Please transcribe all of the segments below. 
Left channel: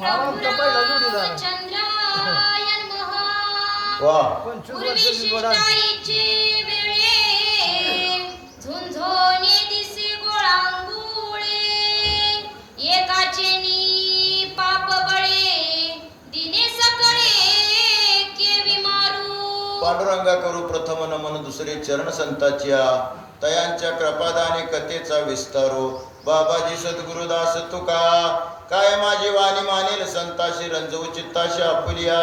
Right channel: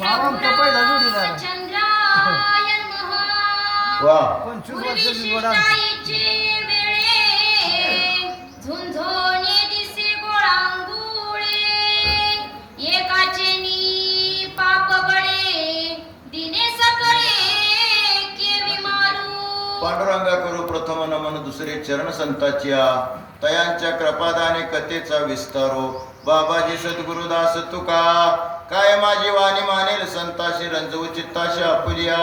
पहिला जोडीदार चंद्रायन वा 25 वर्षाची वडा झुंझोनी दिसी गोळांगुळे एकाचे नी पाप बळे दिने सकळे केवी मारू पांडुरंगा करू प्रथम नमन दुसरे चरण संताच्या तयांच्या कृपादाने कथेचा विस्तारो बाबाजी सद्गुरुदास तुका काय माझी वाणी मानेल संताशी रंजवू चित्ताशी आपुलिया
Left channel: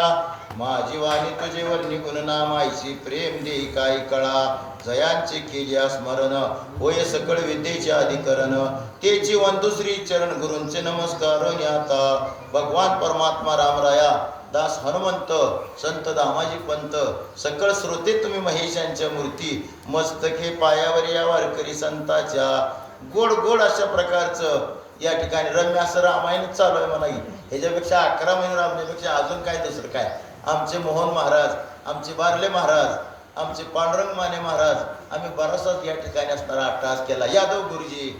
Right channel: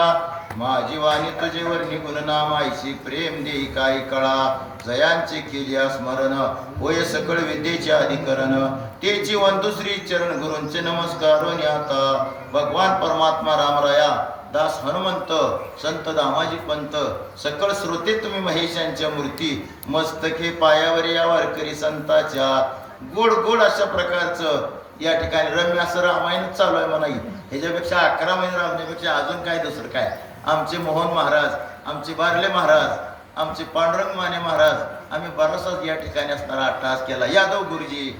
माझी वाणी तुझे वर्णी गुणनाम आईशी प्रेम देई काय कळा जयांचे केलिया स्मरण होय सकळ विद्येचे अधिकरण तेची वंदू श्री चरण गुरूंचे नमस्कार आता भगवान परमात्मा रामराया दास हनुमंत संत दामाजी पंत सकळ श्रोते तुम्ही महेशांच्या मूर्ती मस्तके पायावर या वारकरी संताच्या गोड गोड अशा प्रकारचं या ठिकाणी रम्य असं रामायण चालू आहे म्हणा. ह्याच्यापेक्षा 11 महिने रामण्यापेक्षा अजून काय दुसरं काय. आमचे मोहन महाराज, आमचे बारले महाराज, आमचे पांडुरंग माने महाराज, आम्ही बराचसाच या ठिकाणी असणारा अट्टहास केला. यादव गुरुजी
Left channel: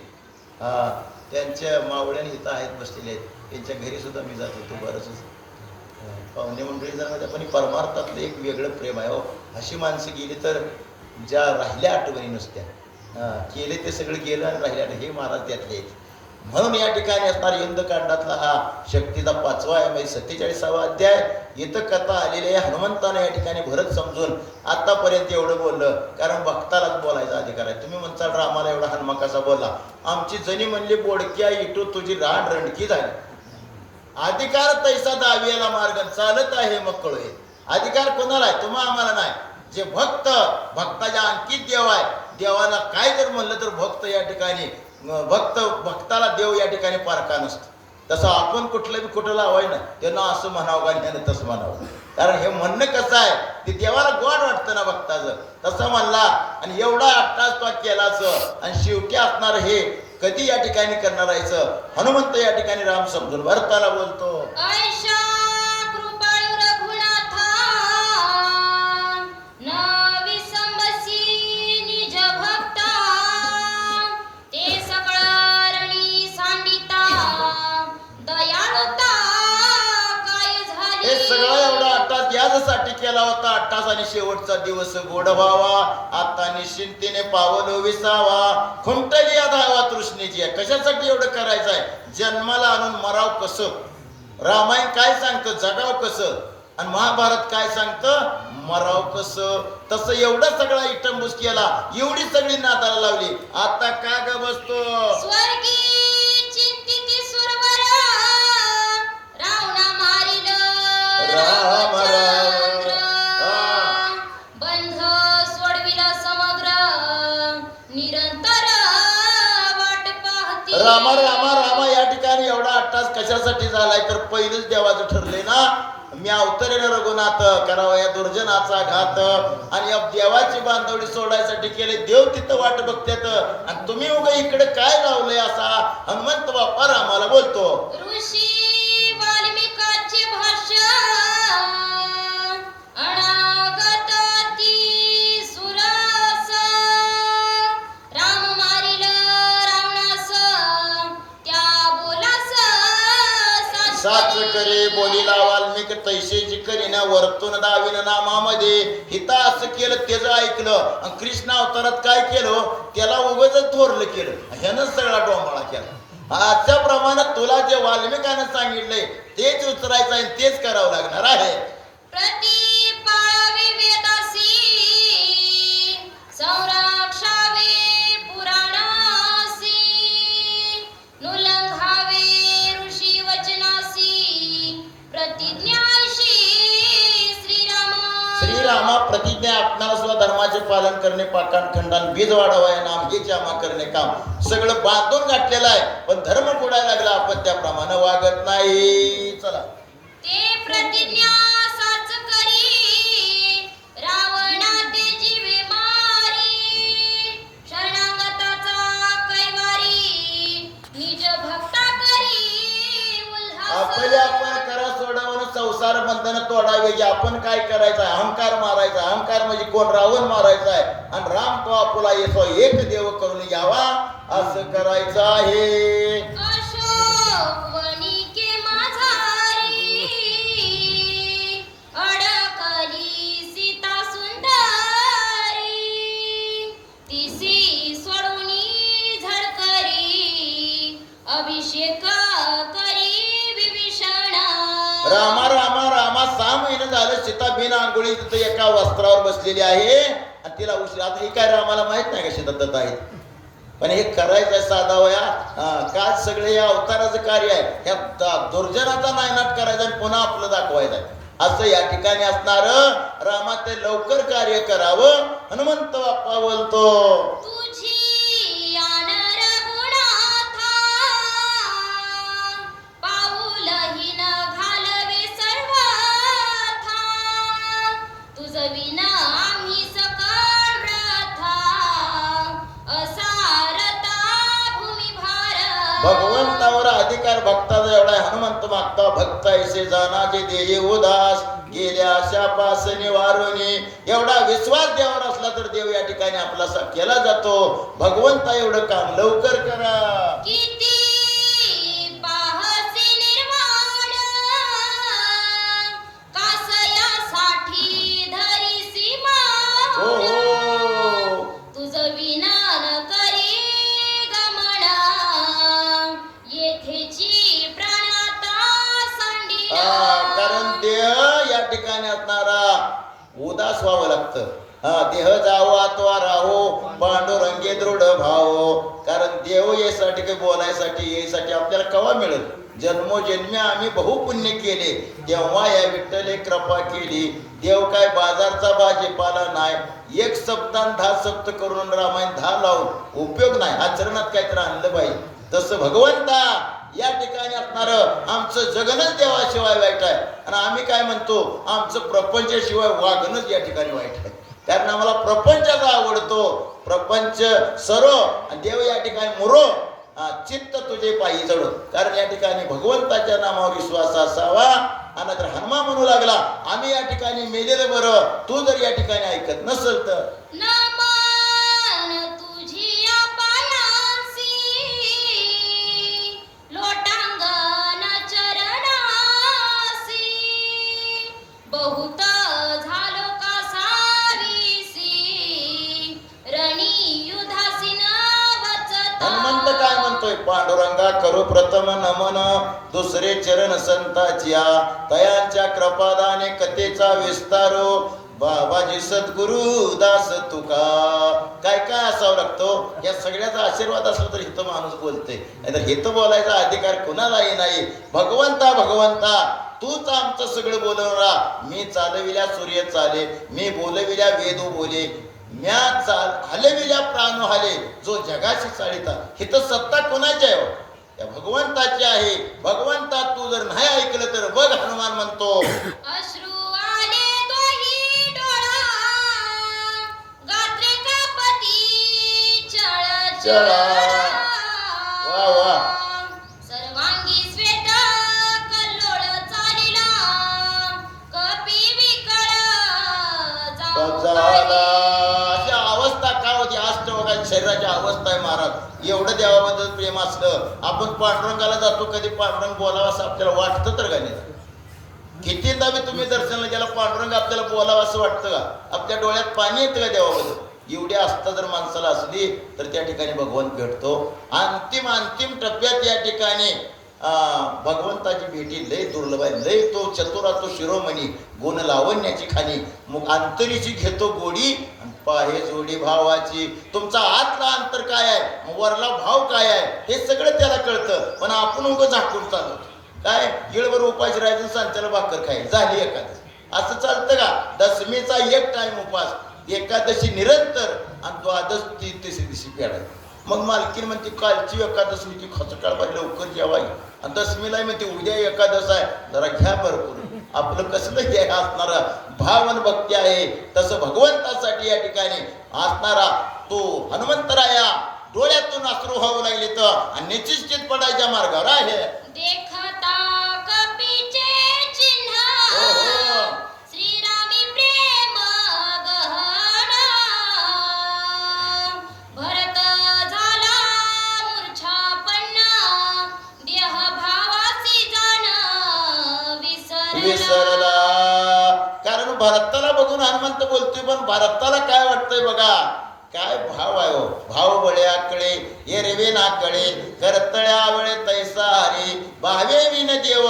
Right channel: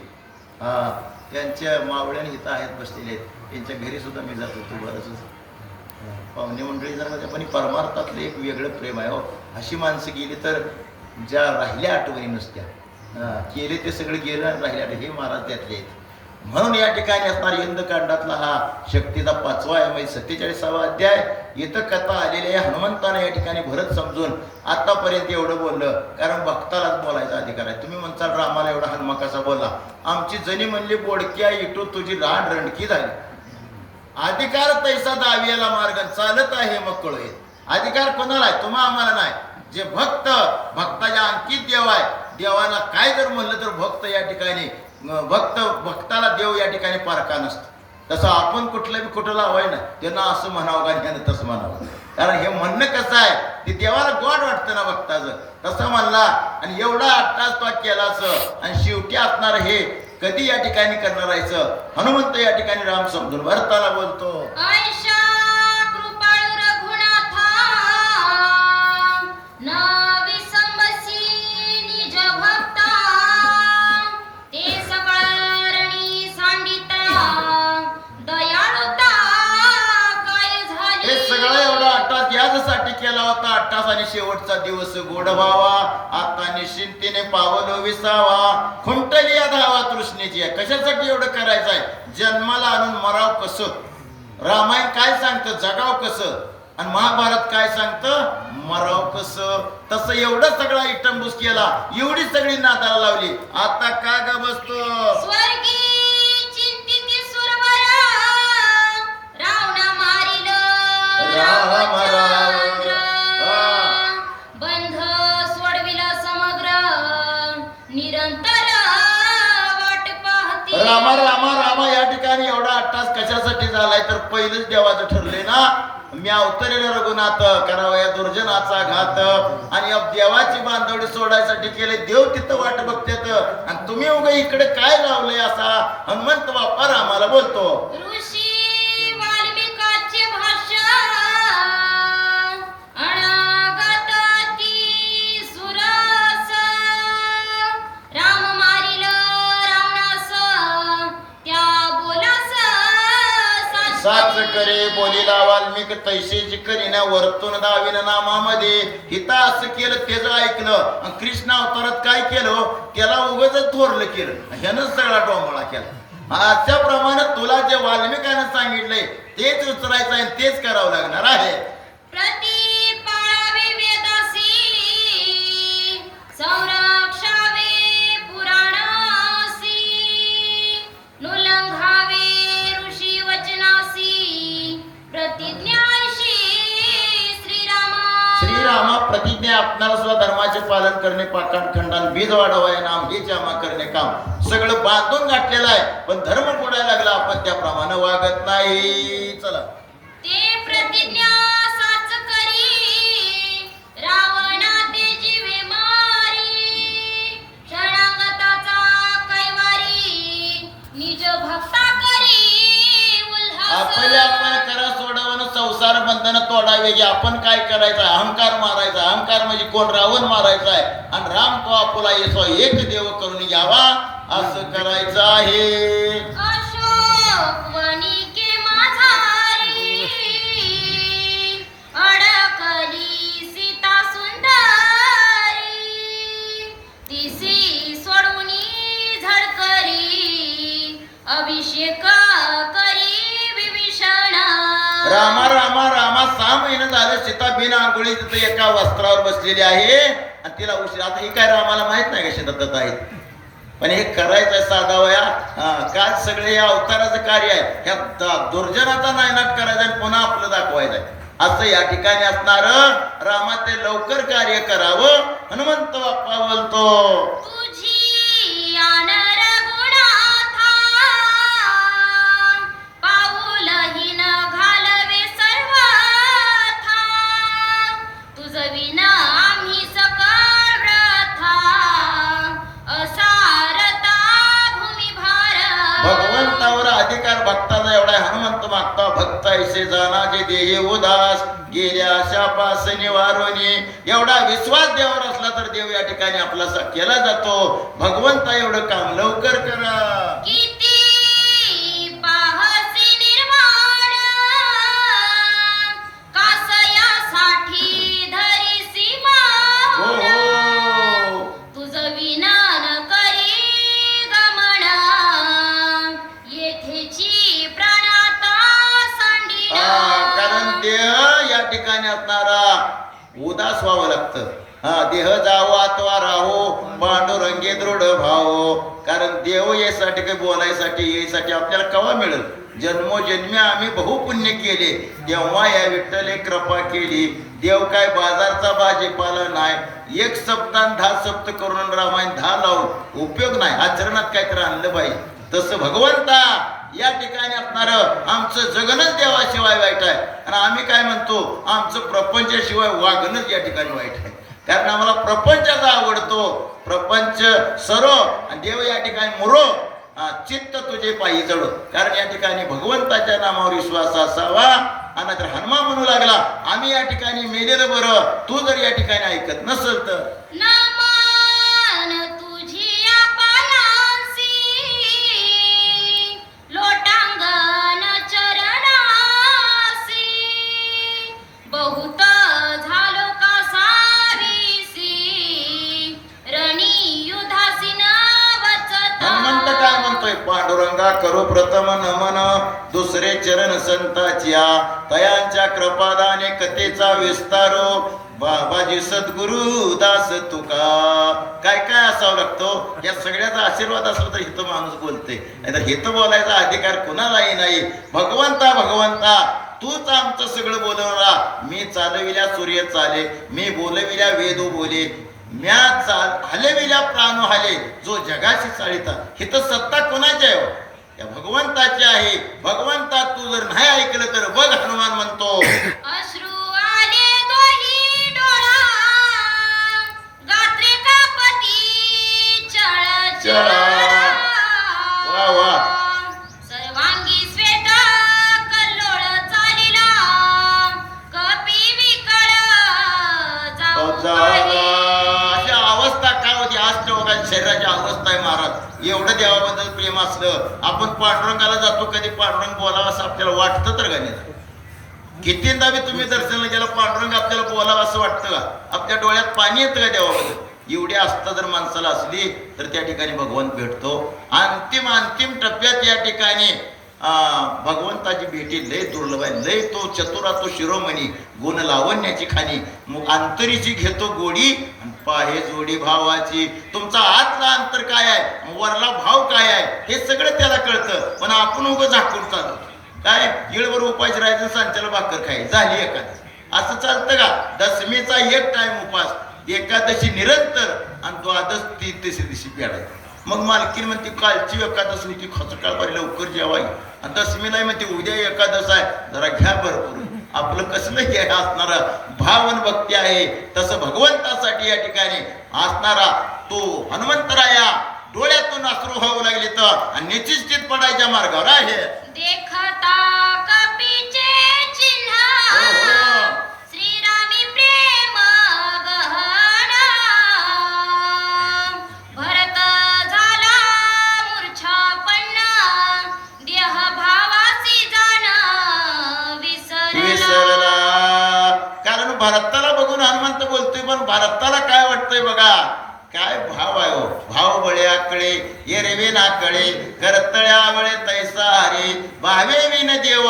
त्यांच्या मावळ्याने इथं आहेत बसलेले आहेत, त्यांच्या घरी सुद्धा मी जात होतो बरंच पाहुणे मंडळी जर पण परमार्थातलं एक वेगळं प्रेम आहे हो. अशी माणसं गेली तर ज्या राहिल्या आठवणी नुसत्या केले ते सगळं गेलं आणि राहिल्या हे महाराज त्यातले आहेत. म्हणून या ठिकाणी असणारा इंदकांडातला हा शक्तीचा 5वा आहे 47वा अध्याय. इथं कथा आलेली आहे. हनुमंताने या ठिकाणी भरत समजून आतापर्यंत एवढं बोललं कारण भक्तालाच बोलायचा अधिकार आहे. तुम्ही म्हणताल रामाला एवढा हनुमा कसा बोलला. आमची जणी म्हणली बोडक्या इटू तुझी रान रणकी झाली. अधिकार तैसा दावियाला मार्ग चालत आहे मग कळून. अधिकार कोणाला आहे? तुम्हा आम्हाला नाही. जे भक्त भक्ताच्या अंकित देव आहे. देवाला काय जर म्हणलं तर भक्त या ठिकाणी भक्ताला देव या ठिकाणी पारखा नसतं. तसं आपण कुठलं बी कुठं लावाय ना त्यांना असं म्हणावं का त्यानं तसं म्हणावं. कारण हे म्हणणं कसं आहे ते देवाला गोड वाटतं ना भक्ताचं. तसं म्हणला आणि एवढा अट्टास तो केलाच आणि शेवटी असणार हे कधी या ठिकाणी करणार आहेचं. हनुमंत या ठिकाणी राम समजून भरताला बोलतो यासाठी केला होता. 28 आणि शेवटचा दिवस गोड व्हावा आता निश्चिंतीने पावलो विसावा खुंटली या धावा तृष्णेची. कशासाठी एवढं करायचं आहे? जन्माला आणून मराव कसं. रामायण काय सांगतं? जगाव कसं. आणि महाभारत काय सांगतं? मराव कसं. तसं एवढं सगळा इटंबूस केला, एवढी सगळी नादाला लावली. आता का ग बसतो राम बंध सोडविला समग्र निरंतर वाट पाहती. रामा रामा रामा या ठिकाणी एवढा अट्टास कशासाठी झालाय तर पहिलंच देवाचं ठरलंय ना. मी अवतरेल रघुनाथ करावा या दुर्जनाचा घात आणि देवाची बांधवडी सोडायसाठी केले. देव तिथं वाट बघतात आणि तुम्ही उगा इकडे काय लावलंय असा हनुमंत बाप्पा रामाला बोलतो. ऋषी वाल्मिकाचे भाष्य साच करे बोलीला वाल्मिक तैसेची करीना वर्तून दाविन नामामध्ये. हिता असं केलं त्याचं ऐकलं आणि कृष्ण अवतारात काय केलं त्याला उगाच थोरलं केलं. ह्यानं सगळा डोंबाळा केला. त्याप्रमाणे तुला जे वाल्मिकानं सांगितलंय तेच उचलायचं आहे तेच करावं लागणार आहे. श्रीरामा प्रतिज्ञा आपणाला सुद्धा धर्माचे पालन करणे पाकांखंडान बीज वाढवाय नाम हे जमा करणे काम सगळं बांधून गाठलेलं आहे. पण धर्म पुढायला लागला आपण त्याप्रमाणे वागत नाही. चला ते प्रतिज्ञा साच करी रावणा ते जीवे मारी शरणागताचा कैवारी निज भक्ता करी उल्हास. आपण करा सोडवणं संसार बंधन तोडावे. आपण काय करायचं? अहंकार मारायचा. अहंकार म्हणजे कोण? रावण मारायचा आहे. आणि राम तो आपुला येतो एक देव करून घ्यावा असं करायचं आहे. अशोक वनिके माझा रामा रामा रामा 6 महिने झालं सीता बिन आंघोळी तिथं एका वस्त्रावर बसलेली आहे आणि तिला उशीर. आता ही काय रामाला माहित नाही का शेतात दत्त आहेत, पण हे करायचं साधा वया काय सगळे या अवताराचं कार्य आहे. ह्या दुर्जनाचा नायनाट करायचा आणि पुन्हा आपलं दाखवायचं आहे. असं या ठिकाणी असणार. रामा ते लवकर कार्य करावं. हनुमंत बाप्पा बोलतो तुझी आन रघुनाथा, पाऊलही न घालवे सर्वथा, तुझ विना आम्ही सकळ व्रथा, असारता भूमी भार. भगवंतावर अधिकार भक्ताचा एवढा आहे. हनुमंत मागता भक्त ऐसे जाना जे देहे उदास, गेल्या शापास निवारोनी. एवढा विश्वास देवावर असला तर देव या ठिकाणी आपला केला जातो. भगवंता एवढं काम लवकर करा. किती पाहसी निर्वाण, कासयासाठी धरिसी मान. हो हो तुझ विना न करी गमन, येथेची प्राणाता सांडिला. कारण देह या ठिकाणी असणारा उदास व्हावं लागतं. देह जावो अथवा राहो, पांडुरंगे दृढ भाव. कारण देव यासाठी काही बोलायसाठी यासाठी आपल्याला केव्हा मिळेल. जन्मोजन्मी आम्ही बहुपुण्य केले तेव्हा या विठ्ठले कृपा केली. देव काय बाजारचा भाजीपाला नाही. एक शब्दान 10 शब्द करून रामायण 10 लावून उपयोग नाही. आचरणात काहीतरी आणलं पाहिजे. तसं भगवंता या ठिकाणी असणार आमचं जगणच देवाशिवाय वाईट आहे. आणि आम्ही काय म्हणतो, आमचं प्रपंचाशिवाय वागणंच या ठिकाणी वाईट आहे. कारण आम्हाला प्रपंचाचा आवडतो. प्रपंच सरो आणि देव या ठिकाणी मुरो, चित्त तुझे पायी चढो. कारण या ठिकाणी भगवंताच्या नामावर विश्वास असावा. आणि तर हनुमान म्हणू लागला आम्ही या ठिकाणी मेलेलं बरं, तू जर या ठिकाणी ऐकत नसेल तर. नमन तुझिया पायासी, लोटांगण चरणासी, बहुत झालो का सारीसी, रणी युधासी वचता. हनुमंत काय म्हणतोय, पांडुरंगा करो प्रथम नमन, दुसरे चरण संताच्या, तयांच्या कृपादाने कथेचा विस्तारो, बाबाजी सद्गुरु दास तुका. काय काय असावं लागतं. या सगळ्याचा आशीर्वाद असला तर हित माणूस बोलते, नाहीतर हित बोलायचा अधिकार कुणालाही नाही. भगवंता भगवंता तूच आमचं सगळं बोलवला. मी चालविल्या सूर्य चाले, मी बोलविल्या वेद बोले, म्या हलविल्या प्राण हाले, जो जगाशी चालिता. हित सत्ता कोणाची आहे? या भगवंताची आहे. भगवंता तू जर नाही ऐकलं तर बघ, हनुमान म्हणतो अश्रू आले दोही डोळा, गात्रे कापती चळ चळा. वा वा. सर्वांगी श्वेत कल्लोळ चालिला, कपी विकळ झाला. अशा अवस्था काय होती अष्टवकांच्या शरीराची अवस्था आहे महाराज. एवढं देवाबद्दल प्रेम असलं, आपण पांडुरंगाला जातो, कधी पांडुरंग बोलावा असं आपल्याला वाटतं तर का नाही? कितींदा बी तुम्ही दर्शनाला गेला, पांडुरंग आपल्याला बोलावं असं वाटतं का? आपल्या डोळ्यात पाणी येतं का देवाबद्दल? एवढी आस्था जर माणसाला असली तर त्या ठिकाणी भगवंत भेटतो. अंतिम टप्प्यात या ठिकाणी भगवंताची भेटी लय दुर्लभ आहे. लय तो चतुरा, तो शिरोमणी, गुण लावण्याची खाणी, मग अंतरीची घेतो गोडी आणि पाहे जोडी भावाची. तुमचा आतला अंतर काय आहे, वरला भाव काय आहे, हे सगळं त्याला कळतं. पण आपण उगं झाकून चालू काय येळवर उपास राहायचं, सांच्याला भाकर खायची, झाली एकादशी. असं चालतं का? दशमीचा एक टाइम उपास, एकादशी निरंतर आणि द्वादश तिसरी दिवशी पेडायची. मग मालकीन म्हणते कालची एकादश होती, खचकाळ बारी लवकर जेवाय. आणि दशमीला म्हणते उद्या एकादश आहे, जरा घ्या भरपूर. आपलं कसलं हे असणारा भावन भक्ती आहे. तसं भगवंतासाठी या ठिकाणी असणारा तो हनुमंतराया डोळ्यातून अश्रू व्हावं लागले तर आणि निश्चित पडायच्या मार्गावर आहे. देखता कपीचे चिन्ह, श्रीरामी प्रेम गहन, भरत झाला मूर्छापन्न, देह भावासी जाण विसरला. कारण भरताला बघून हनुमंत बोलतोय, पण भरताला काय वाटतंय बघा, काय भाव आहे हो, भाव बळ्याकडे ये रेवे नाकडे करतळ्या वळे तैसा हरी भावे विन देव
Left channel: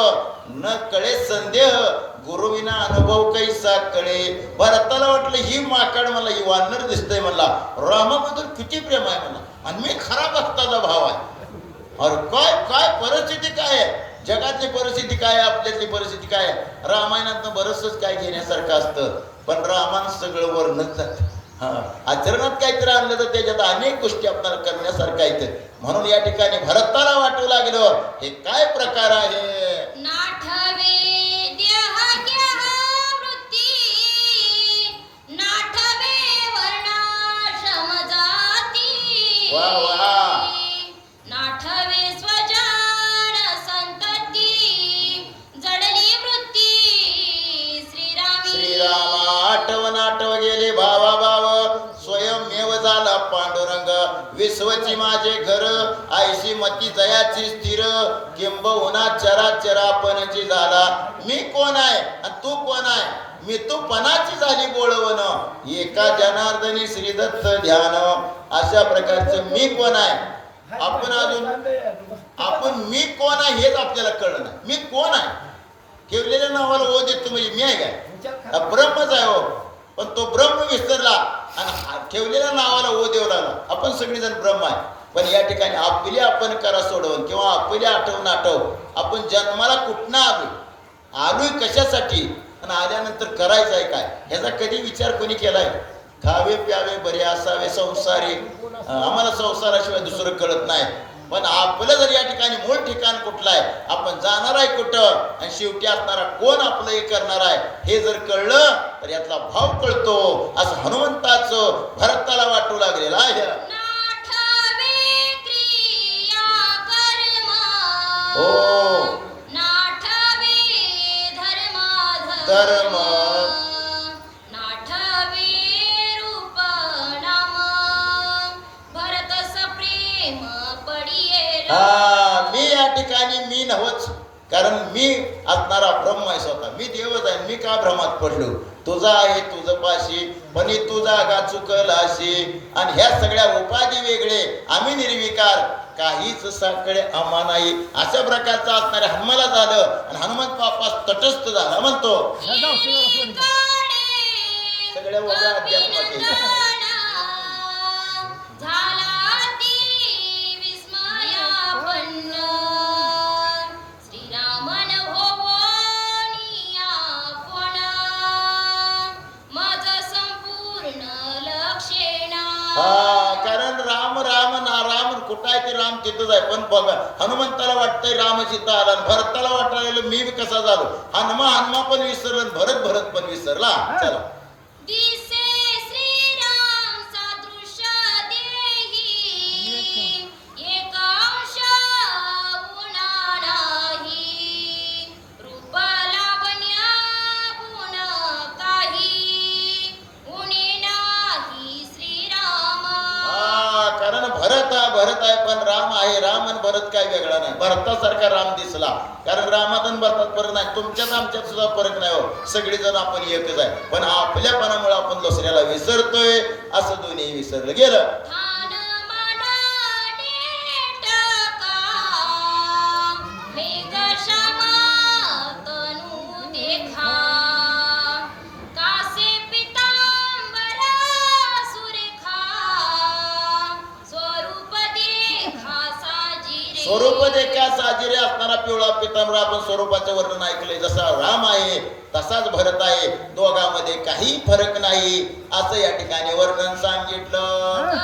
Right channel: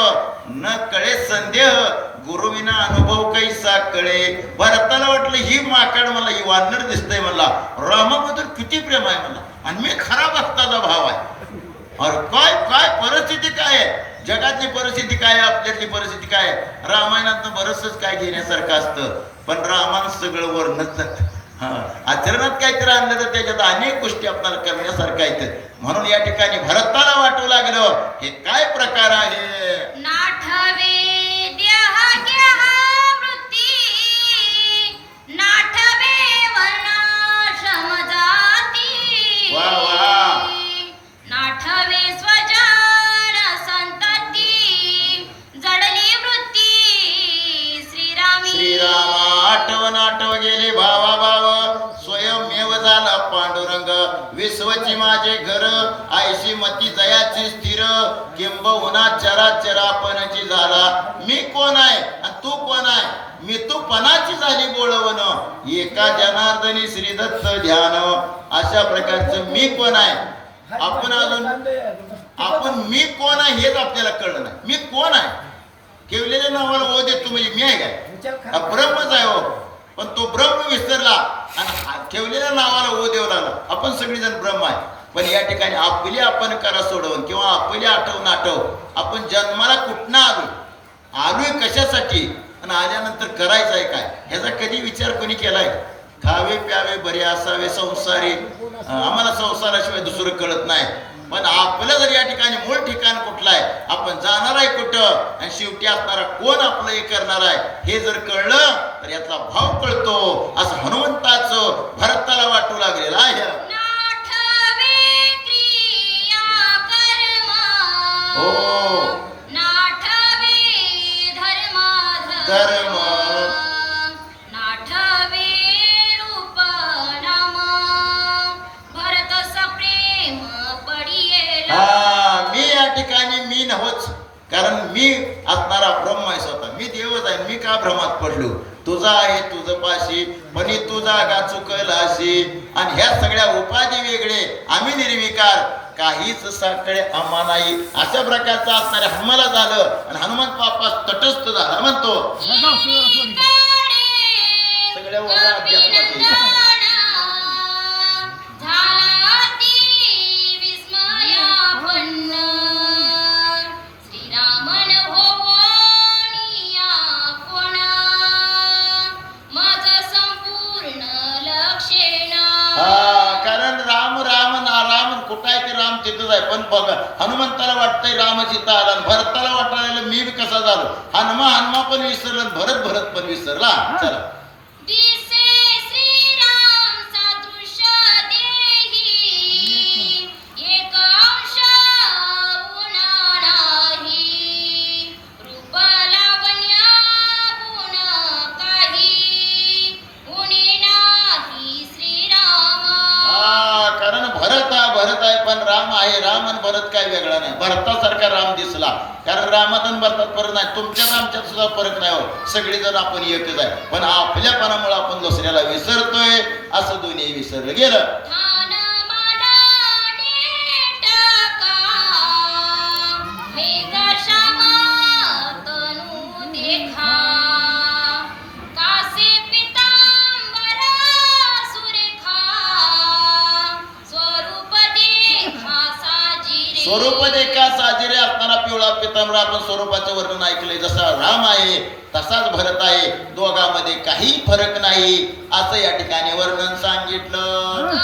न कळे संदेह गुरुविना अनुभव कैसा कळे. भरताला वाटलं ही माकड मला ही वानर दिसतंय मला रामाबद्दल किती प्रेम आहे मला आणि मी खरा भक्ताचा भाव आहे. अरे काय काय परिस्थिती काय आहे, जगातली परिस्थिती काय आहे, आपल्यातली परिस्थिती काय आहे. रामायणात बरंचच काय घेण्यासारखं असतं पण रामानं सगळं वर्णन आचरणात काहीतरी आणलं तर त्याच्यात अनेक गोष्टी आपल्याला करण्यासारख्या आहेत. म्हणून या ठिकाणी भरताला वाटू लागलं हे काय प्रकार आहे. नाठवे देह घ्या वृत्ती, नाठवे वर्णाश्रम जाती, वा वा. नाठवे स्वजान संतती, जडली वृत्ती श्रीरामी. श्रीरामा आठव गेले भावा भाव स्वयंमेव झाला पांडुरंग. विश्वची माझे घर आयशी मती जयाची स्थिर, किंबहुना चराचरापणाची झाला. मी कोण आहे आणि तू कोण आहे, मी तू पणाची झाली बोलवण. एका जनार्दनी श्रीदत्त ध्यान. अशा प्रकारचं मी कोण आहे, आपण मी कोण आहे हेच आपल्याला कळलं नाही. मी कोण आहे, ठेवलेल्या नावाला ओ देतो म्हणजे मी आहे काय, ब्रह्मच आहे हो. पण तो ब्रह्म विसरला आणि ठेवलेल्या नावाला ओ देऊ लागला. आपण सगळेजण ब्रह्म आहे पण या ठिकाणी आपली आपण करा सोडवून किंवा आपली आठव आपण जन्माला कुठनं आलोय कशासाठी आणि आल्यानंतर करायचं आहे काय ह्याचा कधी विचार कोणी केलाय. खावे प्यावे बरे असावे संसारी, आम्हाला संसाराशिवाय दुसरं कळत नाही. पण आपलं जर या ठिकाणी मूळ ठिकाण कुठलं आहे, आपण जाणार आहे कुठं आणि शेवटी असणारा कोण आपलं हे करणार आहे हे जर कळलं तर यातला भाव कळतो. असं हनुमंताचं भरताला वाटू लागलेलं आहे. हो धर्म मी या ठिकाणी मी नव्हच, कारण मी असणारा ब्रह्म आहे स्वतः. मी देवच आहे. मी का भ्रमात पडलो, तुझा आहे तुझं पाशी पण तुझा गा चुकल अशी. आणि ह्या सगळ्या उपाधी वेगळे, आम्ही निर्विकार, काहीच साखळे आम्हा नाही. अशा प्रकारचं असणाऱ्या हनुमाला झालं आणि हनुमंत बाप्पा तटस्थ झाला. म्हणतो सगळ्या ओळा अध्यात्माचे कारण राम राम ना राम कुठं आहे ते राम तिथंच आहे. पण बघा हनुमंताला वाटतंय राम इथं आला, भरताला वाटायला मी कसा झालो. हनुमा पण विसरला, भरत पण विसरला. चला भरत आहे पण राम आहे. राम आणि भरत काय वेगळा नाही. भरतासारखा राम दिसला कारण रामात आणि भरतात फरक नाही. तुमच्यात आमच्यात सुद्धा फरक नाही हो. सगळेजण आपण एकच आहे पण आपल्यापणामुळे आपण दुसऱ्याला विसरतोय. असं दोन्ही विसरलं गेलं. स्वरूप देखा साजिरे असणारा पिवळा पितांबर. आपण स्वरूपाचं वर्णन ऐकलंय. जसा राम आहे तसाच भरत आहे, दोघांमध्ये काही फरक नाही असं या ठिकाणी वर्णन सांगितलं.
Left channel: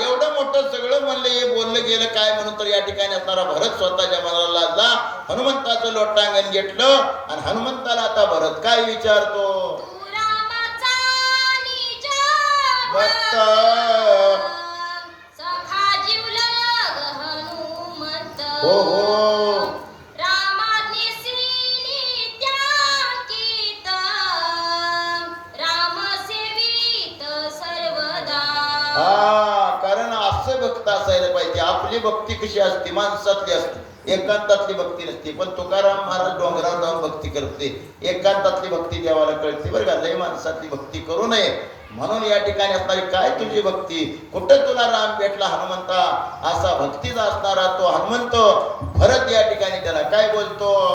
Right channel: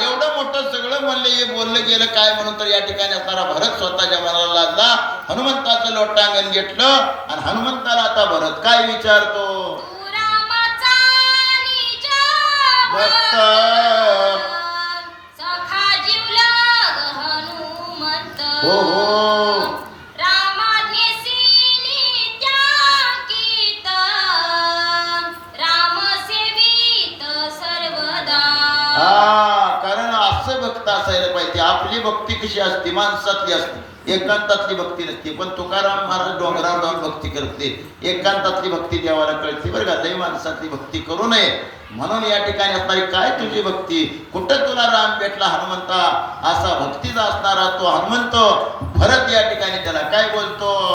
एवढं मोठं सगळं म्हणलं हे बोललं गेलं काय म्हणून तर या ठिकाणी असणारा भरत स्वतःच्या मनाला लागला. हनुमंताचं लोटांगण घेतलं आणि हनुमंताला आता भरत काय विचारतो. भक्त हो हो असायला पाहिजे. आपली भक्ती कशी असते? माणसातली असते, एकांतातली भक्ती नसते. पण तुकाराम महाराज डोंगरावर जाऊन भक्ती करते, एकांतातली भक्ती देवाला कळते बरं का. लय माणसातली भक्ती करू नये. म्हणून या ठिकाणी असणारी काय तुझी भक्ती, कुठं तुला राम भेटला हनुमंता, असा भक्तीचा असणारा तो हनुमंत भरत या ठिकाणी त्याला काय बोलतो?